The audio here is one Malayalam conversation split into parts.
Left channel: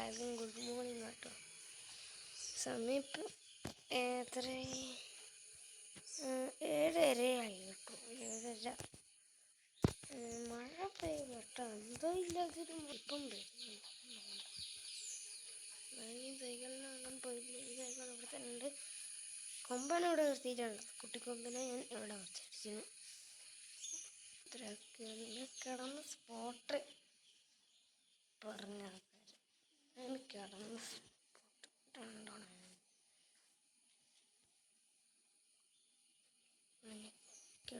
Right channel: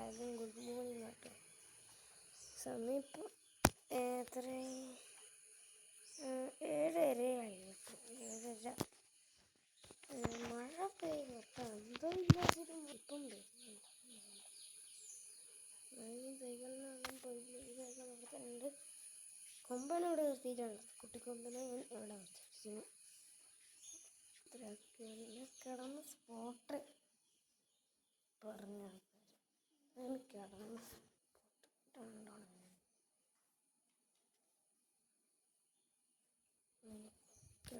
എല്ലാവർക്കും ഗുഡ് മോർണിംഗ് കേട്ടോ. സമയം ഇപ്പോൾ എത്രയായി? 7:30 കേട്ടോ. 7:30. മഴ പെയ്യും കേട്ടോ. എന്തോ ഇല്ലാതൊരു മുപ്പുണ്ട്. സൈക്കിളിനും പോയി. സൈക്കിൾ ഇവിടെ തന്നെ ഉണ്ട്. കൊമ്പാണ് ഇവിടെ നിർത്തിയിട്ടുണ്ട്. കുട്ടിക്കൊമ്പിനെ ഞാൻ ഇവിടെ വെച്ചിരിക്കുന്നു. കിടന്ന് സ്പോട്ട് പറഞ്ഞ കിടന്ന്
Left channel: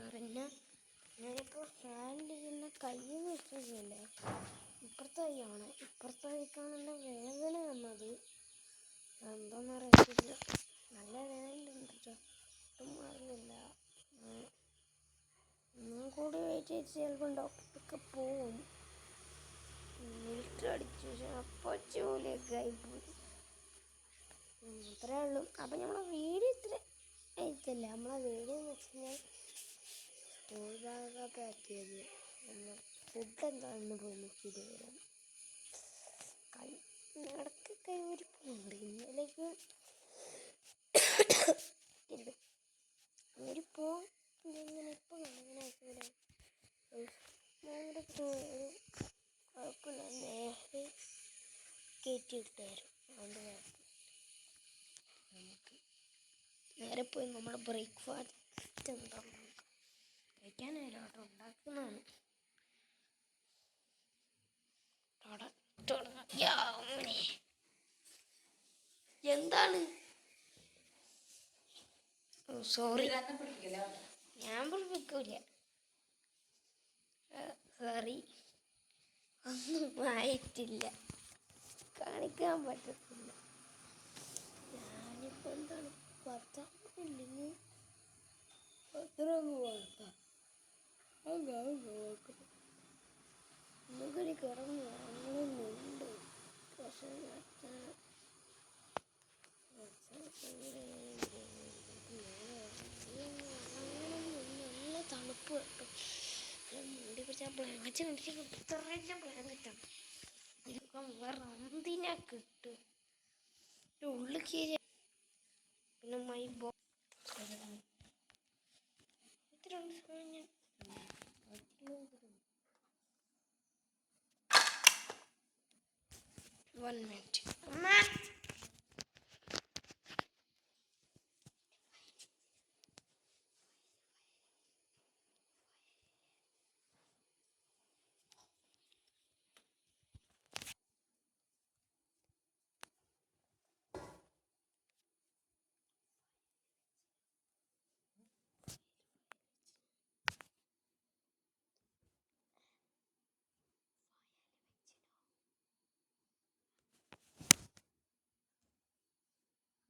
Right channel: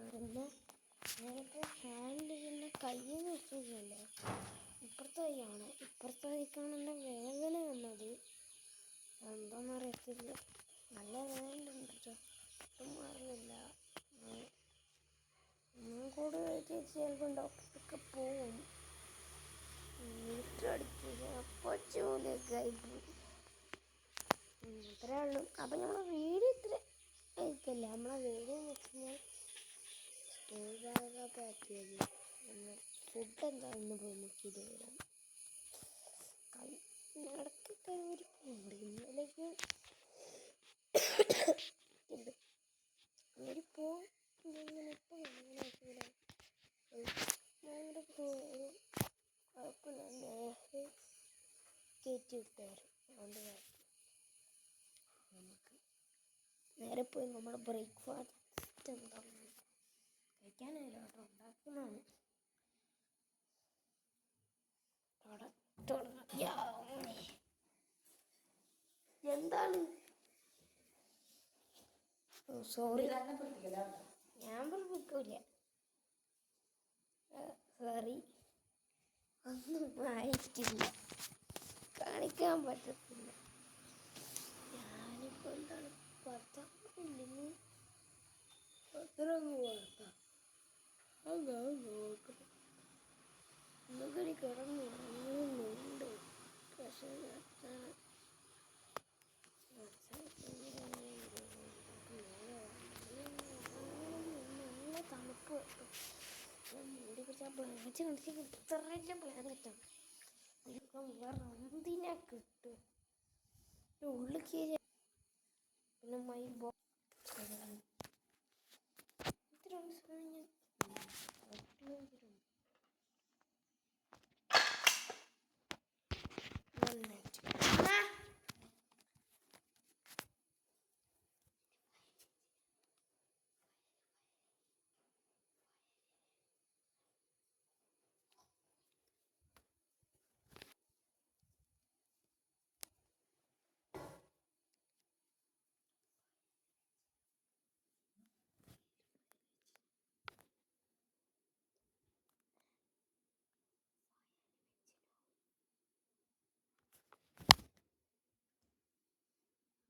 പറഞ്ഞ ഞാനിപ്പോൾ ഹാൻഡ് ചെയ്യുന്ന കയ്യിൽ വെച്ചില്ലേ, ഇപ്പുറത്തെ കൈയാണ്. ഇപ്പുറത്തെ കൈക്കാണല്ലോ വേദന വന്നത്. എന്താണെന്ന് അറിയത്തില്ല. നല്ല വേദനയുണ്ട് കേട്ടോ. ഒന്നും അറിയില്ല. ഒന്നും കൂടി വെയിറ്റ് ചെയ്ത് ചിലപ്പോൾ ഡോക്ടറൊക്കെ പോവും. അടിച്ചു അപ്പച്ച പോലെയൊക്കെ ആയിപ്പോയി. അത്രേ ഉള്ളൂ. അപ്പം നമ്മളെ വീട് ഇത്ര ആയിട്ടില്ല. നമ്മളെ വീട് എന്ന് വെച്ചാൽ സ്കൂളിലൊക്കെ പാക്ക് ചെയ്ത് ഫുഡ് എന്താണെന്ന് പോയി നോക്കിയിട്ട് വരാം. ഇടയ്ക്കൊക്കെ ഒരു ഉണ്ട്. ഇന്നലേക്ക് ഒരു പോവും. ഇപ്പോൾ നേരെ കയറ്റി വിട്ടായിരുന്നു. അതുകൊണ്ട് നമുക്ക് നേരെ പോയി നമ്മുടെ ബ്രേക്ക്ഫാസ്റ്റ് എന്താണെന്ന് കഴിക്കാനായില്ല കേട്ടോ. ഉണ്ടാക്കുന്നതാണ്. എന്താണ്? സോറി, ഞാൻ പിടിപ്പിക്കൂല. സോറി, ഒന്നും ആയിട്ടില്ല. കാണിക്കാൻ പറ്റത്തില്ല. ഞാനിപ്പോൾ എന്താണ് 10 ഇല്ലെങ്കിൽ 10 കൊടുക്കാം. നമുക്കൊരു കിടന്നുണ്ട്. പക്ഷേ നല്ല തണുപ്പ് കിട്ടും. മുടി പിടിച്ചാൽ ബ്ലാങ്കറ്റ് കണ്ടിട്ട് ഇത്രയൊക്കെ ബ്ലാങ്കറ്റാണ്. ഇതൊക്കെ വേറെ എന്തിനാ കിട്ടും. ഉള്ളിൽ കയറി പിന്നെ മൈ ബോ ഇത്രയുള്ള സമയം ഞാൻ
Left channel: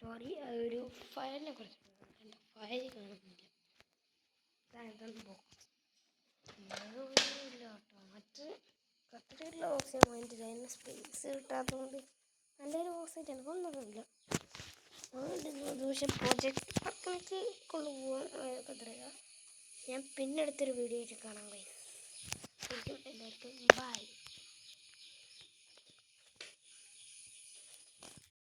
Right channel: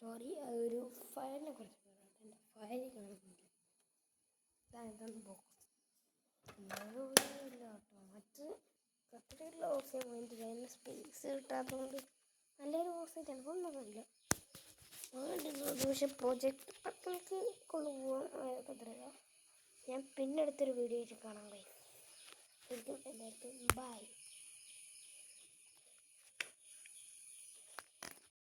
സോറി, ഒരു ഫയലിനെ കുറിച്ച് എൻ്റെ ഫയൽ കാണുന്നില്ല. കേട്ടോ. മറ്റ് കത്തിരിയുള്ള ഓക്സിജൻ പോയിന്റ് അതിൻ്റെ സ്പേസ് കിട്ടാത്തതുകൊണ്ട് എൻ്റെ ഒരു ഓക്സിജൻ ചിലപ്പോൾ ഒന്നുമില്ല. പക്ഷെ പ്രോജക്റ്റ് വർക്കിലേക്ക് കൊണ്ടുപോകാൻ കത്തിരിക്ക. ഞാൻ പിന്നെ അടുത്തൊരു വീഡിയോ ആയിട്ട് കാണാൻ കഴിയും. എല്ലാവർക്കും ബൈ.